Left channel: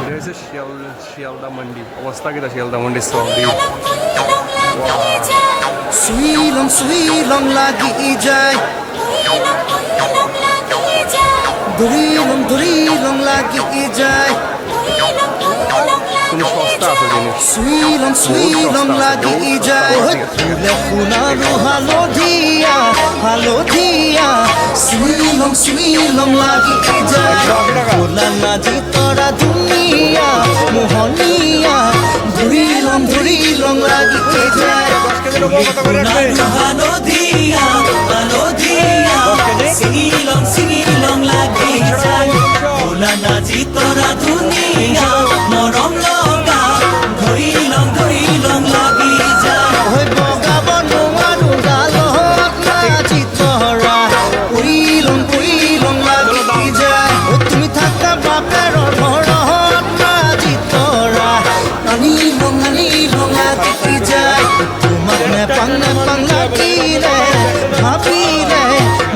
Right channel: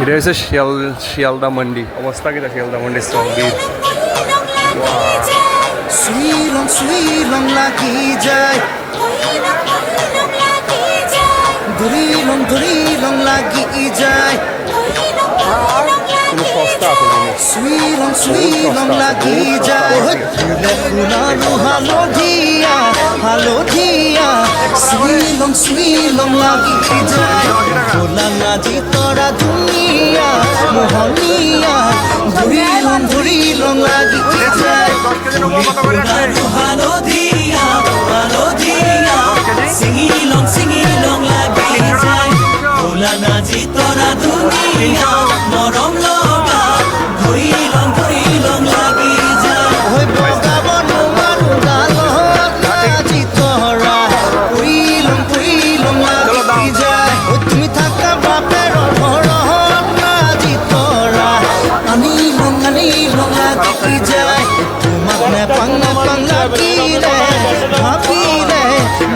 এটা হচ্ছে শিয়ালদা মন্ডি। অবস্থা কিটা শিয়ালদা মন্ডি স্ট্রংবির। শ্রীলং লাগি যায় ধরিলং লাগি যায় কিন্তু সস্তা আছে জিনিস, শ্রীলং লাগি যায় ফুলে ফুলারু হালধিয়া শ্রীলং লাগি যায় ফুলা নাজি তৰা ধুনীয়া মোহনীয়া ধৰিলং লাগি যায় ফুলারু হালধিয়া শ্রীলং লাগি যায় ফুলা নাজি তৰা ধুনীয়া মৰম লগা ধৰিলং লাগি যায় ঐ বগাব নোৱাৰো গালত নাজি তৰা কৰিলং লাগি যায় ঐ তুমি থাকা বাপেৰৰ ঘৰত নাজি তৰা আনিলং লাগি যায় তোমাক নেপাং লাগিলে ভাবিলে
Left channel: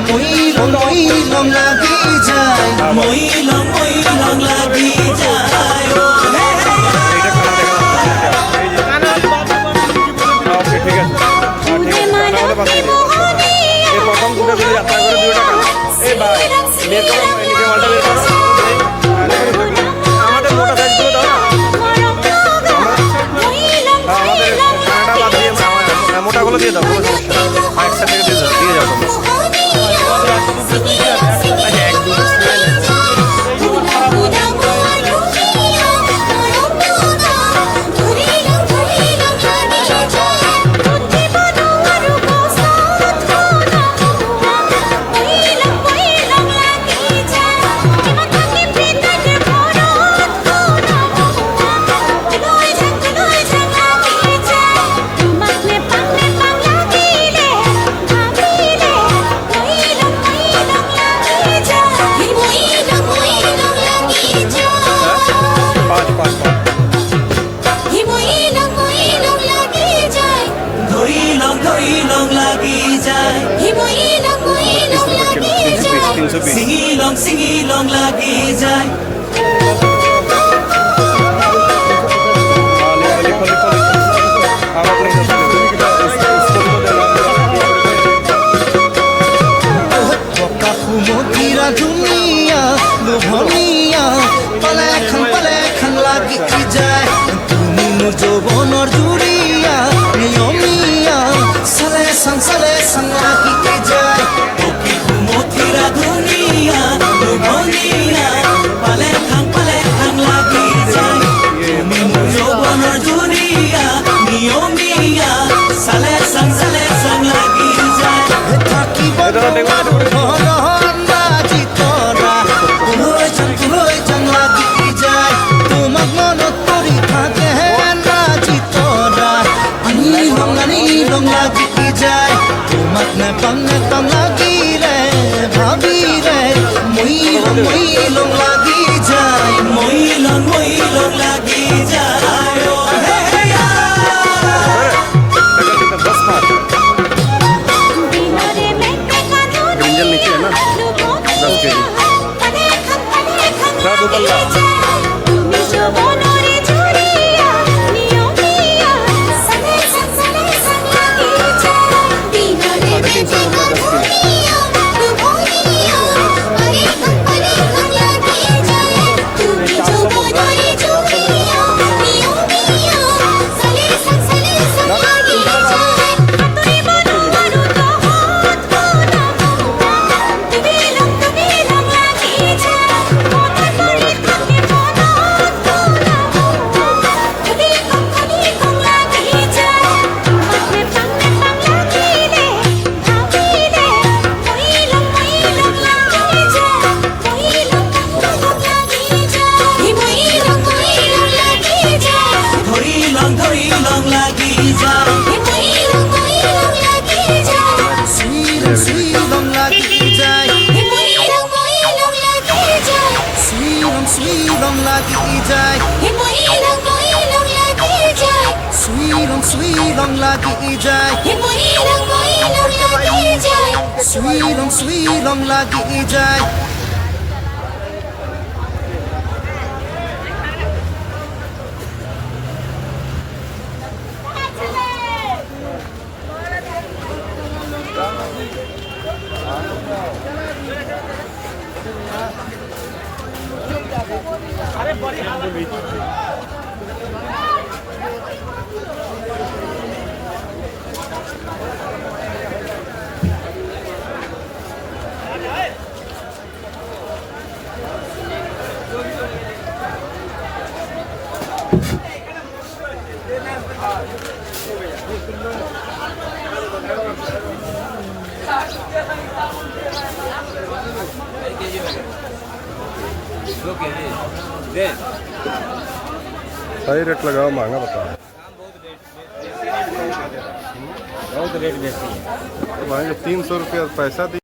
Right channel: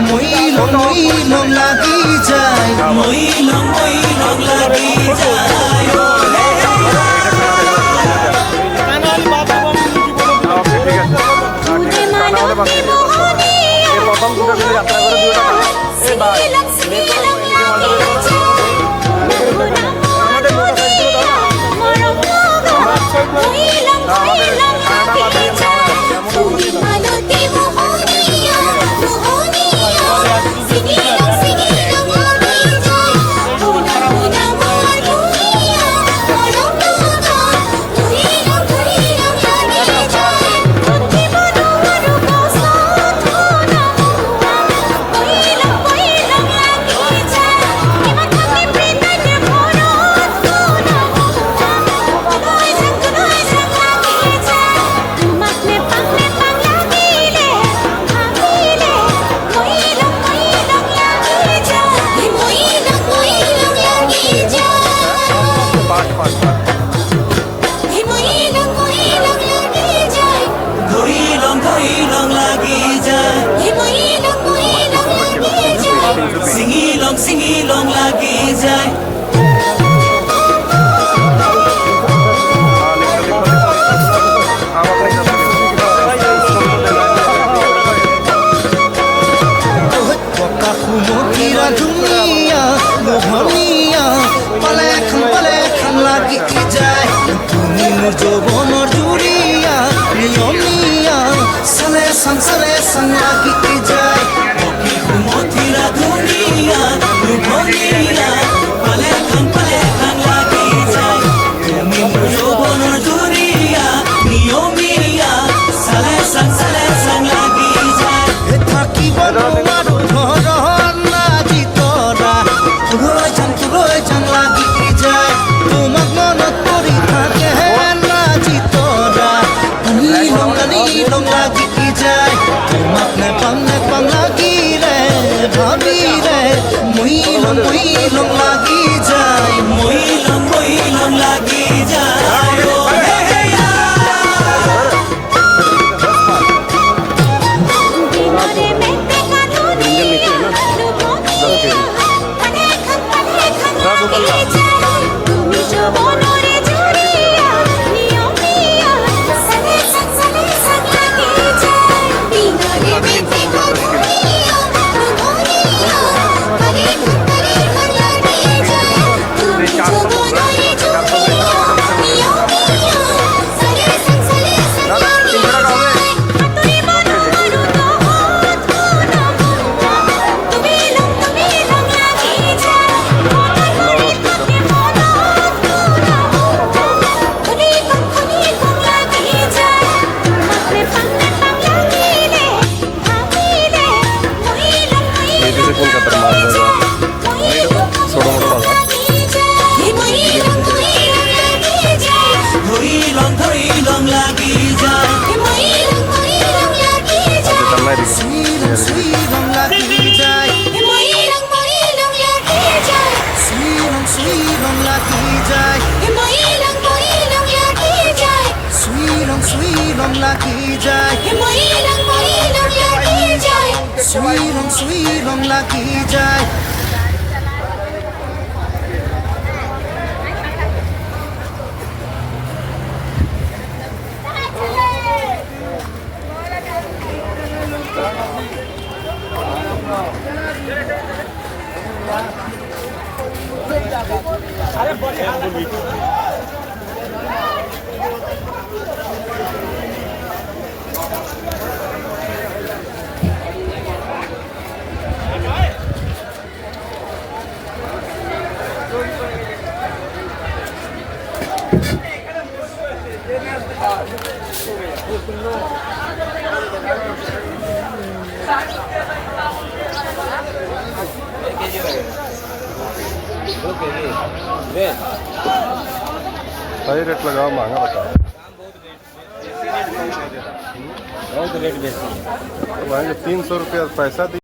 মইলং লাগি যায় মইলং লাগি যায় Singilong lagi যায় পকা সুমতিৰা ধুনীয়া লোভনীয়া পালে খান লাগি যায় তুমি মোৰ যৌৱনৰ জুৰিয়া নিয়মীয়া চালে চাং লাগি যায় পকি সুমতিৰা ধুনীয়া লোভনীয়া পালে খান লাগি যায় তুমি মোৰ যৌৱনৰ জুৰিয়া নিয়মীয়া চালে চাং লাগি যায় থাকিব নোৱাৰো ঘৰত নাজি তৰা লৈ যাম লাগি যায় তোমাক মনত পৰি থাকে নাজি তৰা আনিলং লাগি যায় তোমাক নেপাং লাগিলে ভাবিলে মইলং লাগি যায় মইলং লাগি যায় তুমি যৌৱনৰে জুৰিয়া নিয়মীয়া চালে চাং লাগি যায় দিনৰে বেঠে কানুৰিয়া লাগি যায় তুমি যৌৱনৰে জুৰিয়া নিয়মীয়া চালে চাং লাগি যায় আতৰিব নোৱাৰো তহঁত মনমোৱা তুমি লং লাগি যায় ধৰিলং লাগি যায় শ্রীলং লাগি যায় सही रेट लगाओ, महंगा बताओ। बहुत रेट देते हैं 300 रुपया पैसा दी।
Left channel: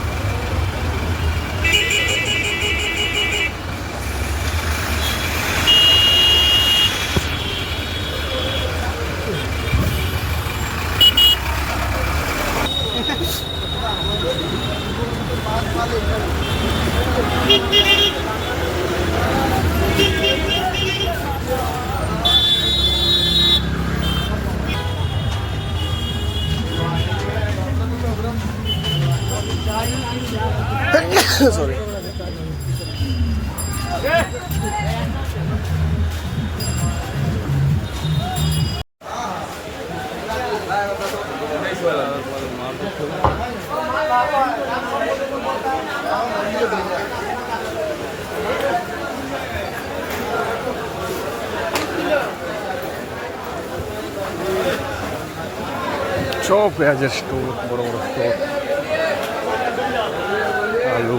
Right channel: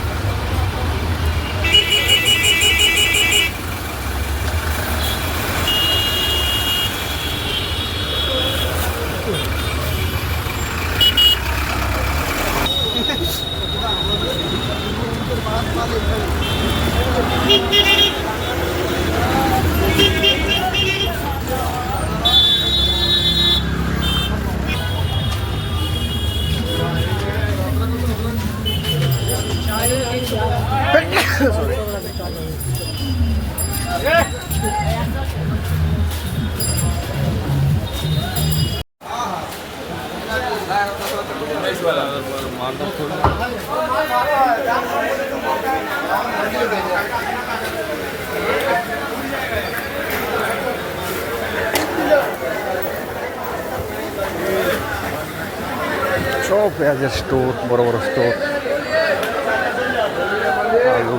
সব পেঁয়াজের স্টোর, বড় বড় স্টোর। আলু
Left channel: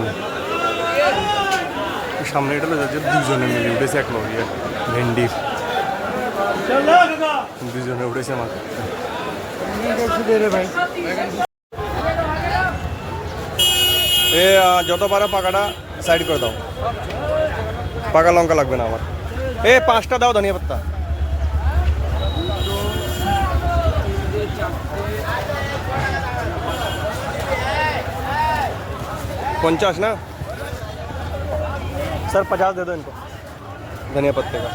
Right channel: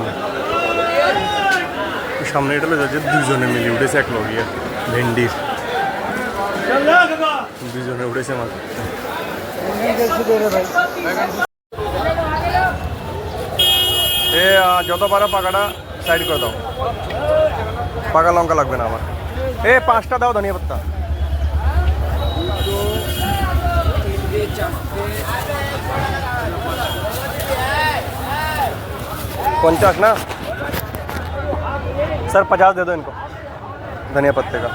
সামনে এটা যাচ্ছে, দুজনে মিলে উঠেছে এক লগিয়ে ভেন্ডির, দুজনে উঠেছে মাত্র। এ যত পারো পাকাটা সাইড করে দাও, পাকা লঙ্কা লাগবে না আমার। এ 5টা দাও ধনিয়া পাত্তা। 50 ना सर, 50 दे दो इनको धनिया पत्ते का।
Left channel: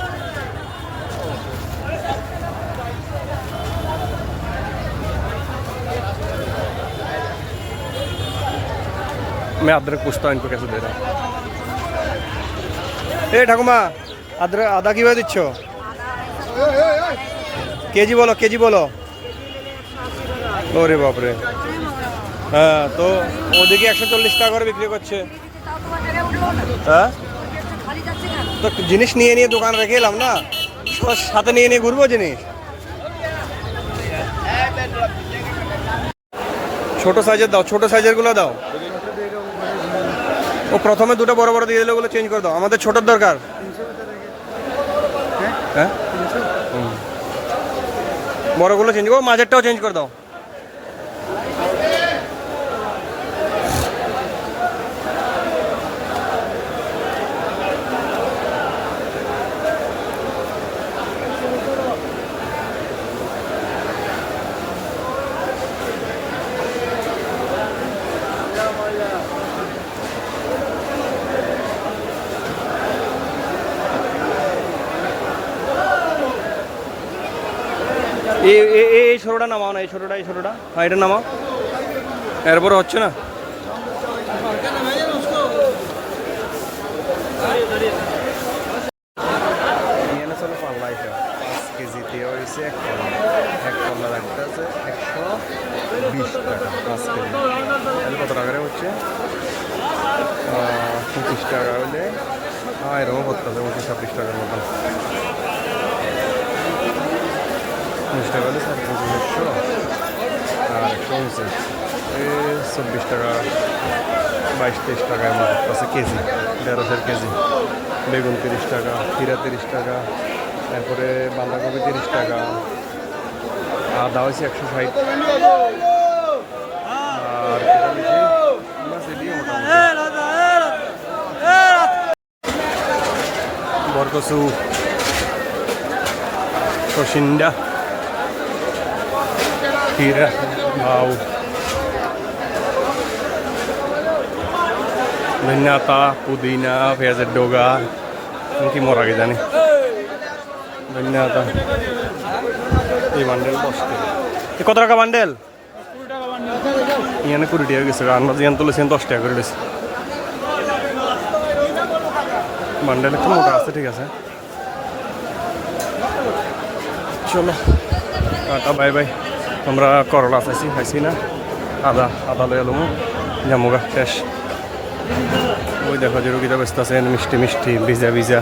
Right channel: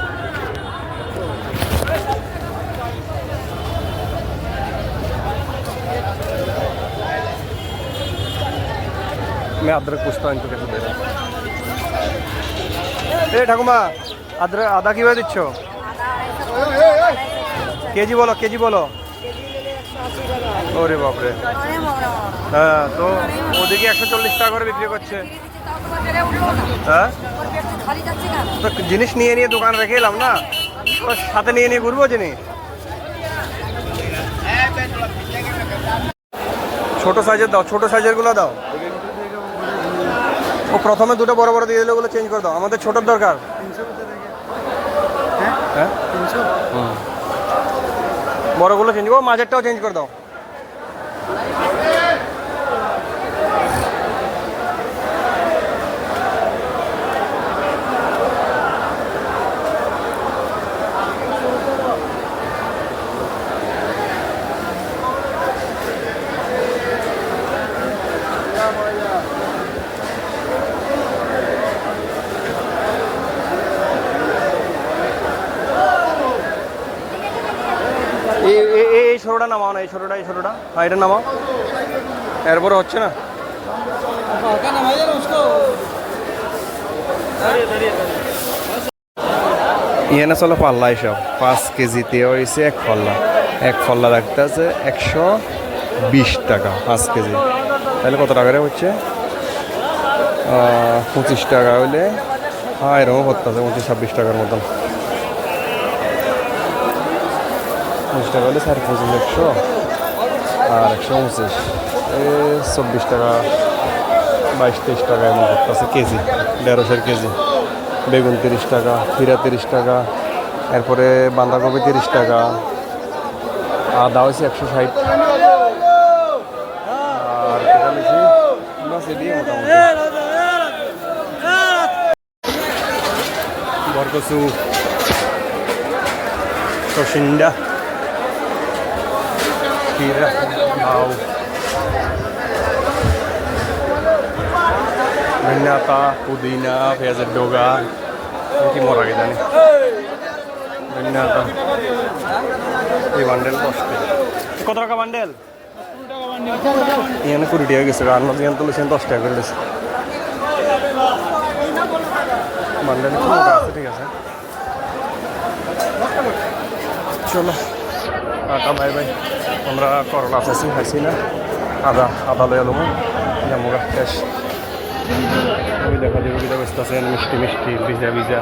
मैं अदरक पूछता हूँ इनको कैसे दे रहा हूँ। ए ठाकुमा, अदरक आधा की वजह दिच्छो केजी बोलो, केजी बोलो। ওরে বাপরে, হ্যাঁ তো ওদিকে 140 টাকা করে বিক্রি করছে। হ্যাঁ তো জিনিস নিয়ে নিয়ে দোকান রেখে এলাম না, সাথে নিয়ে নিয়ে ঘুরবো জিনিস। ছোট সাইজের দাও, ছোট সাইজের গুলো দাও। ও প্রথমে দুটো বড় বড় দিয়ে দিলে ওগুলো চেঞ্জ করে দাও, আমাদের ছোটোর দরকার। হ্যাঁ বড়গুলো চেঞ্জ করো, মাঝেরটাও চেঞ্জ করে দাও। এই ছোটোটা নামাও না, এই ছোটোটা, এই ছোটোটা, হ্যাঁ এটা নামাও। এরপরে হচ্ছে না, ইয়ে না চলো পাল্লা এসব 5 কেজিতে হয়েছে এক পাল্লা রাখতে আছে 120 টাকা 5 কেজি। তাহলে কত টাকা হচ্ছে? 25 টাকা হলে এরকম করতে আছে 25-26 টাকার মতন। 25 টাকা হলে 25,500 আর 129, 24 টাকা, 22-23 টাকা এমন করতে আছে কেজি, 150 কেজি। বেগুন 30 টাকা, ক্ষীরা 30 টাকা, এরপরে বাঁধাকপি 30 টাকা, আদা হয়েছে 160, আর এটা লিখি বাস এদিকে মোটামুটি। বরকচু, সসিন্দা, ক্ষীরা, লাউ, ধনিয়া, পুদিনা, পেঁয়াজের ডগা, কি মরা গে জানি, ধনিয়া। এই বান্ডেল 10 টাকা। কত টাকা বান্ডেল? এখানে 20 টাকা গেছে, রান্না যেখান তুলেছেন 10 টাকা করে দিয়েছে। বান্ডেল একটু মোটা আছে, ঠিক আছে। চলো টাটা বাই বাই। আমরা করলা চাষি খাইছি না, আদা লয়ে এলো জামুগা শেষ। ওই দেখো যে রুগীটা ব্যস্ত আছে মিষ্টি মিষ্টি ভিজা ভিজা।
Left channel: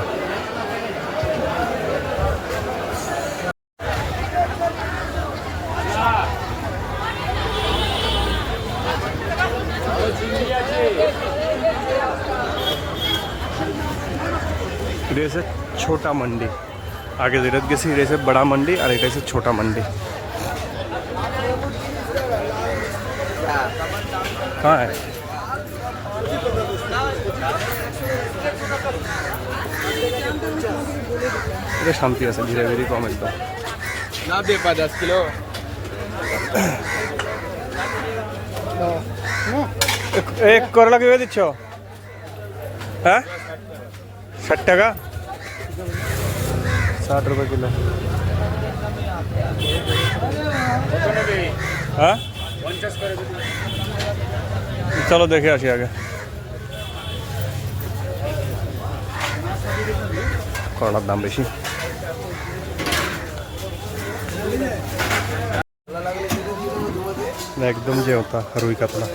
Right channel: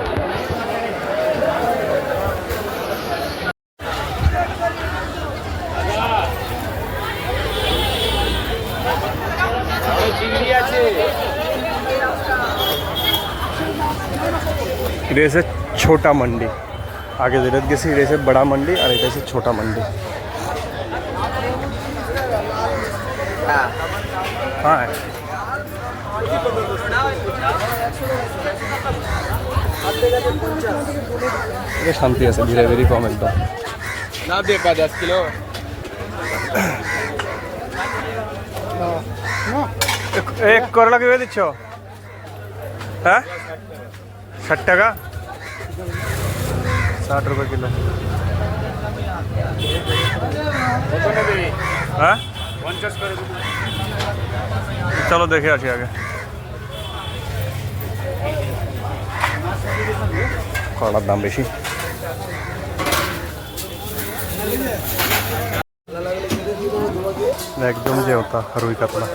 এটা হচ্ছে ছোটা মন্ডি, আগে যেটা গেছি এটা হচ্ছে বড়া মন্ডি আর এটা হচ্ছে ছোটা মন্ডি। হ্যাঁ এটা শান্তি আছে, ধীরে ধীরে কম একদম। ना दे 10 किलो এক করলা কিভাবে দিচ্ছ? হ্যাঁ 60 টাকা, 60 रुपये किलो। হ্যাঁ চলো দেখে আসি আগে। করলার দাম বেশি। একদম যে ওটা রুই কাতলা।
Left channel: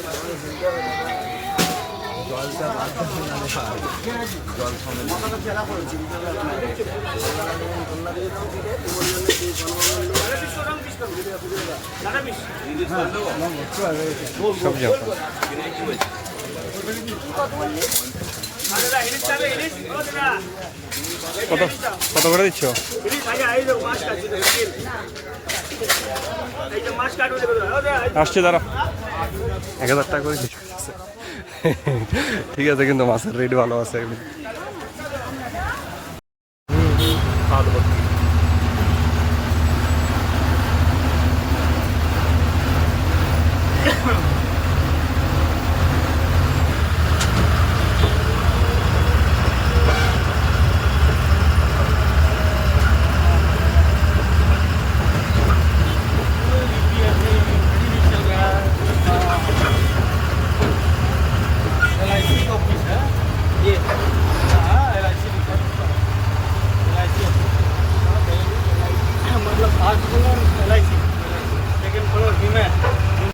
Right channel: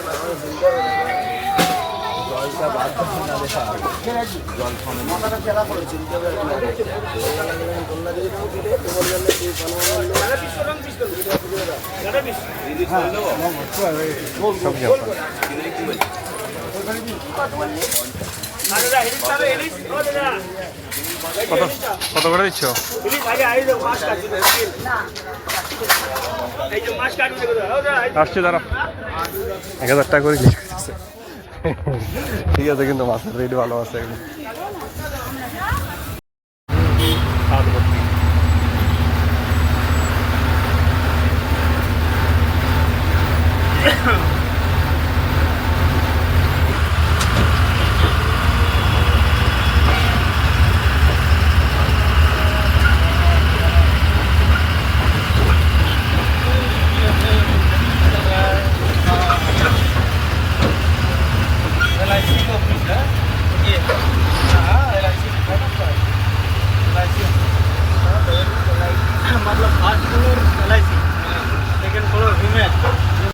কত কত করে দিচ্ছ? আসছে দাঁড়া, 1000 টাকা করে ঠিক আছে, কিন্তু মাছের রেট ভালো আছে একদম।